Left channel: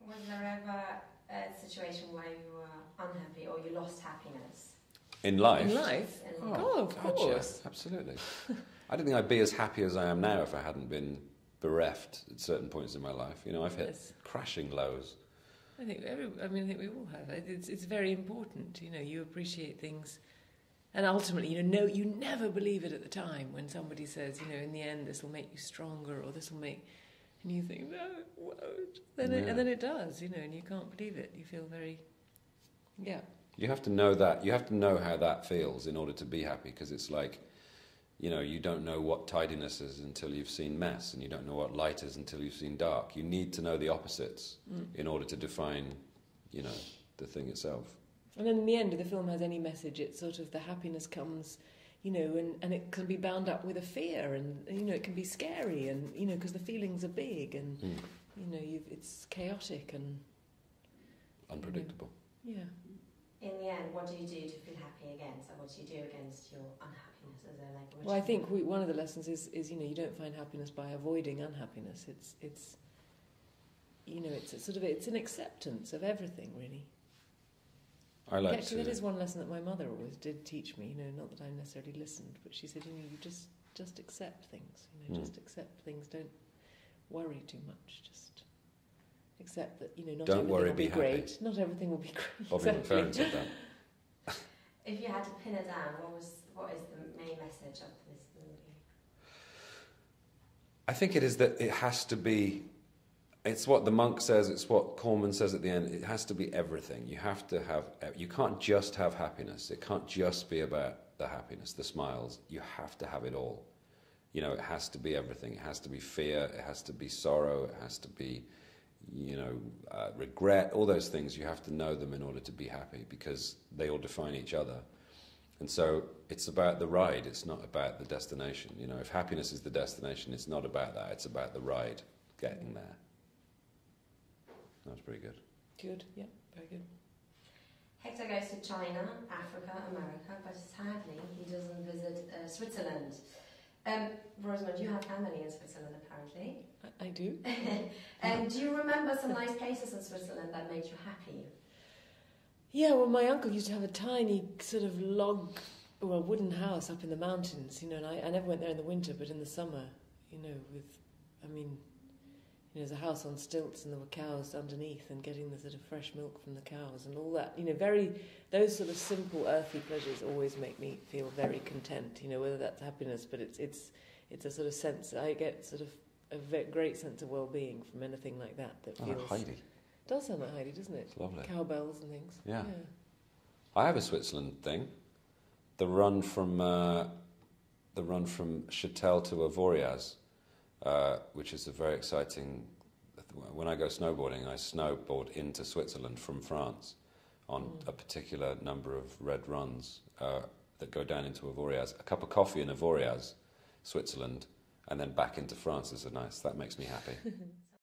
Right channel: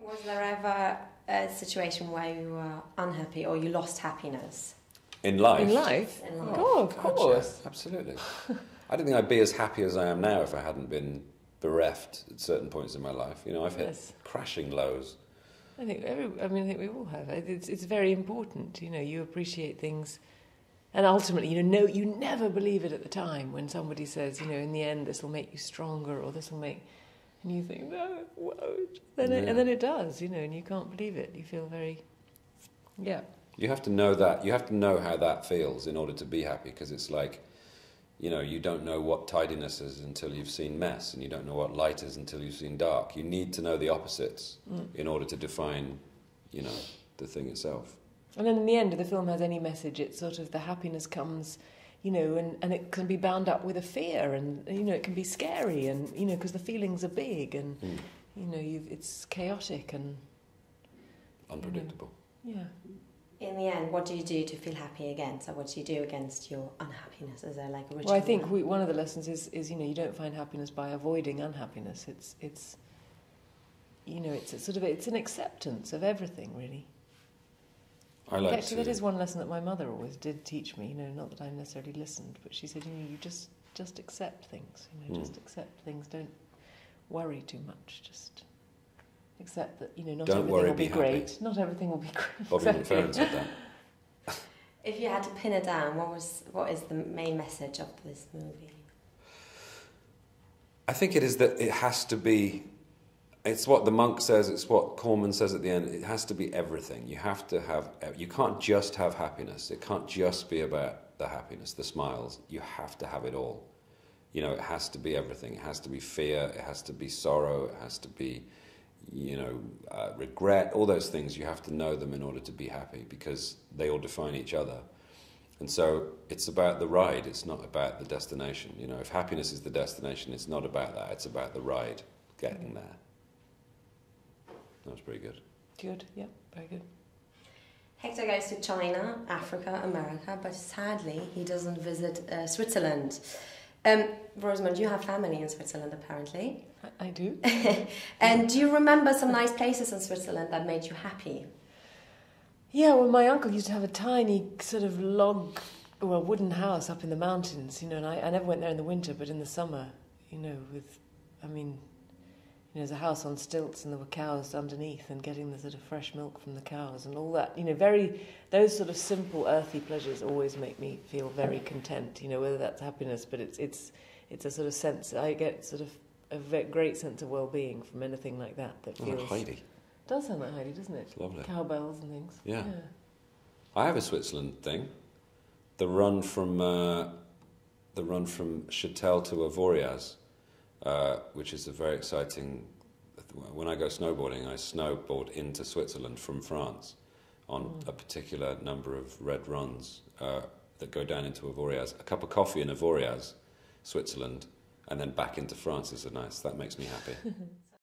Was there ever a situation where you were unhappy or you lost happiness? In life? In life? In life. Oh, of course. Yeah, absolutely. I don't think I'd be as happy as I am now if I hadn't been bereft at certain points in my life. You know, I've hit crashing lows. I think I think we all have. It's very important. You know, you appreciate things, and ultimately, you know, you never believe it at the time when somebody says, you know, in the end, this will make you stronger, or this will make, and you think, no, it won't. And then it does. You know, and you can't believe it. You feel very, yeah. You have to know that. You have to know how that feels in order to be happy, because it's like, you know, you don't know what tidiness is until you've seen mess, and you don't know what light is until you've seen dark. You need to know the opposites in order to define, you know, the thing itself. And then in the end, if the film has any message, it's sort of the happiness comes, you know, and it can be bound up with a fear, and, you know, it can be scary, and, you know, because the feelings are big, and, you know, it's chaotic and unpredictable. Yeah. In the end, what do you do to feel happy again? So what do you do against your unhappiness? Is there like a ritual? Well, I think one of the lessons is, you know, you don't find happiness by avoiding unhappiness. It's you know, it's an acceptance of everything, really. I like Actually, that is one lesson that my mother always did teach me, you know, not that I necessarily listened, but she said, you know, you just accept things, you know, just accept things, don't worry too much, just accept that, you know, not everything will be great. Not everything will be great. Bobby McFerrin said that. If you had to pin it down, what is the main message of this movie? I think it is that it has to be, it's what the monk says, it's what Corman says at the end, it has to be everything. You have to have, you can't just have happiness. It can't just be about the happiness, the smiles. You have to have it all. You know, it has to be everything. It has to be fear, it has to be sorrow, it has to be, you know, regret, all those things. You have to know them in order to be happy, because they all define each other. And so it's about the ride, it's not about the destination. You know, if happiness is the destination, it's not about that, it's about the ride, getting there. That was pretty good. Good, yeah, very good. Hector goes to China, Africa, America, but sadly he doesn't visit Switzerland. Rosamund, you have family in Switzerland, apparently. I do. And do you remember some nice places in Switzerland that made you happy? Yeah, well, my uncle used to have a tiny sort of wooden house up in the mountains, you know, and I never went there in the winter, but in the summer, you know, there's a house on stilts and there were cows underneath, and getting the sort of fresh milk from the cows and all that, you know, those sort of simple earthy pleasures always make me feel very content, you know, whether that's happiness, but it's a sort of sense, I get sort of a great sense of well-being from anything like that feels... Heidi. Does sound like Heidi, doesn't it? It's lovely. Cowbells and things. Yeah. I have a Switzerland thing. The run from Châtel to Avoriaz, which is a very exciting... When I go snowboarding, I snowboard into Switzerland from France on a particular number of red runs that go down into Avoriaz. A cup of coffee in Avoriaz, Switzerland, and then back into France is nice. That makes me happy.